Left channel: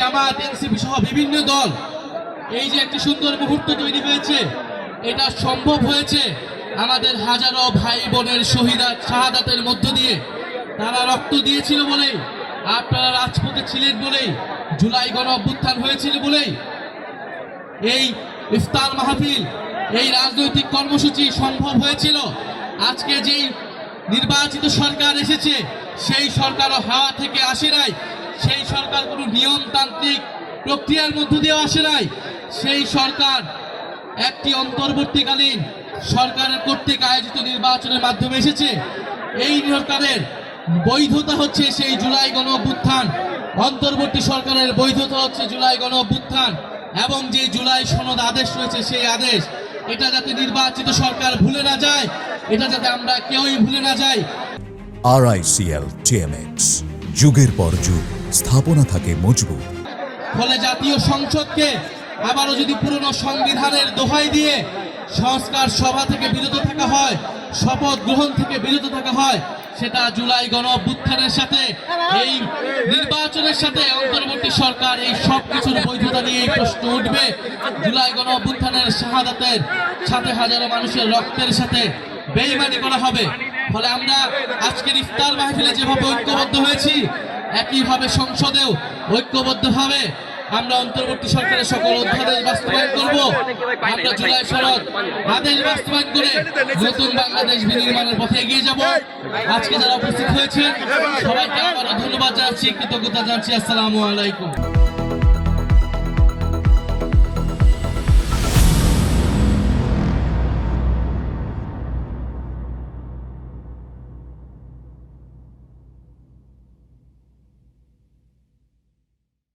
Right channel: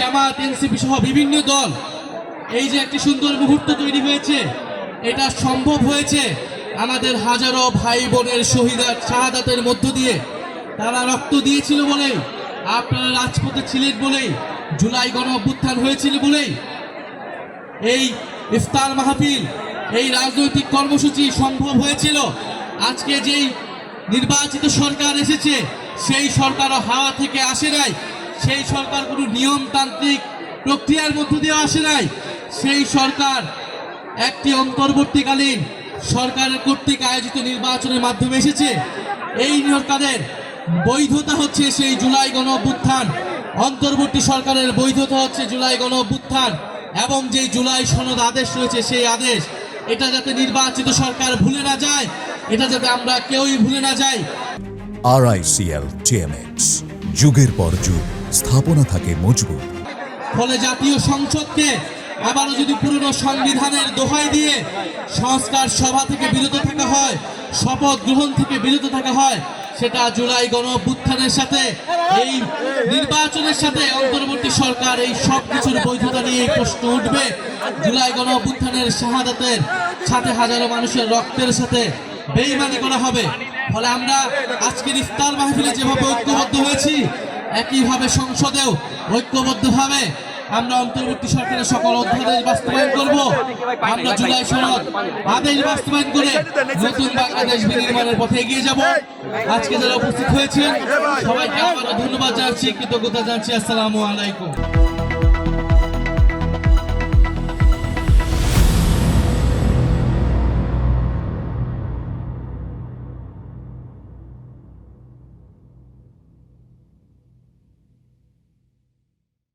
জামাত, NCP সহ বিভিন্ন দল, এই যে একটি সুন্দর মুহূর্ত তৈরি হয়েছে, এটা সম্ভব হয়েছে আমাদের হাজারো ভাই বোনের শাহাদাতের মধ্য দিয়ে। তারা রক্ত দিয়েছিল বলেই, আপনারা রাজপথে ছিলেন বলেই, জুলাই গণ অভ্যুত্থান হয়েছিল বলেই এই ইফতার মাহফিল, এই রাজনৈতিক কর্মসূচি সম্ভব হয়েছিল। আজকে যেই নির্বাচিত সরকার এসেছে, সেই সরকারও হাওয়া থেকে আসে নাই, সেই সরকার কোনো নিয়মতান্ত্রিক প্রক্রিয়ার মধ্য দিয়ে আসে নাই। সেই সরকার একটি অন্তর্বর্তীকালীন সরকারের কর্তৃক আয়োজিত নির্বাচনের মাধ্যমে এসেছে। এই সরকারের বৈধতা হচ্ছে সেই জুলাই গণ অভ্যুত্থান, অন্তর্বর্তী সরকারের বৈধতা হচ্ছে জুলাই গণ অভ্যুত্থান এবং যে জুলাই সনদ আদেশ রয়েছে সেই আদেশ। এটা যাতে নির্বাচিত সরকার ভুলে না যায়, এটা যাতে আমরা কেউই ভুলে না যাই। RICL TMX, যুগের পর যুগ স্থাপনা থাকে মজবুত। ফলে জাতীয় সংসদকে আবারও যদি পুরনো সংবিধানের দোহাই দিয়ে সংস্কার সভা থেকে বিরত থাকা হয়, শপথ গ্রহণ থেকে বিরত থাকা হয়, সেটা জুলাই গণ অভ্যুত্থানের সাথে, এই নির্বাচনের সাথে অন্তর্বর্তী সরকার এই সব কিছুর বৈধতা নিয়ে প্রশ্ন উঠবে। জুলাই গণ অভ্যুত্থানের শাহাদাতের সাথে হাজারো মানুষের রক্তের সাথে বেইমানি করা হবে। ফলে আমরা আজকের ইফতার মাহফিলে যেভাবে ঐক্যবদ্ধ হয়েছি, একইভাবে সংসদেও ঐক্যবদ্ধভাবে আমরা অন্তর্বর্তী সরকারের সকল অধ্যাদেশ বাস্তবায়ন করব। আমরা জুলাই সনদ আদেশ বাস্তবায়ন করে নতুন বাংলাদেশ বিনির্মাণের পথে এগিয়ে যাব। আজকে যারা উপস্থিত হয়েছেন সবাইকে আবারও ধন্যবাদ জানাচ্ছি, কৃতজ্ঞতা জানাচ্ছি। আসসালামু আলাইকুম।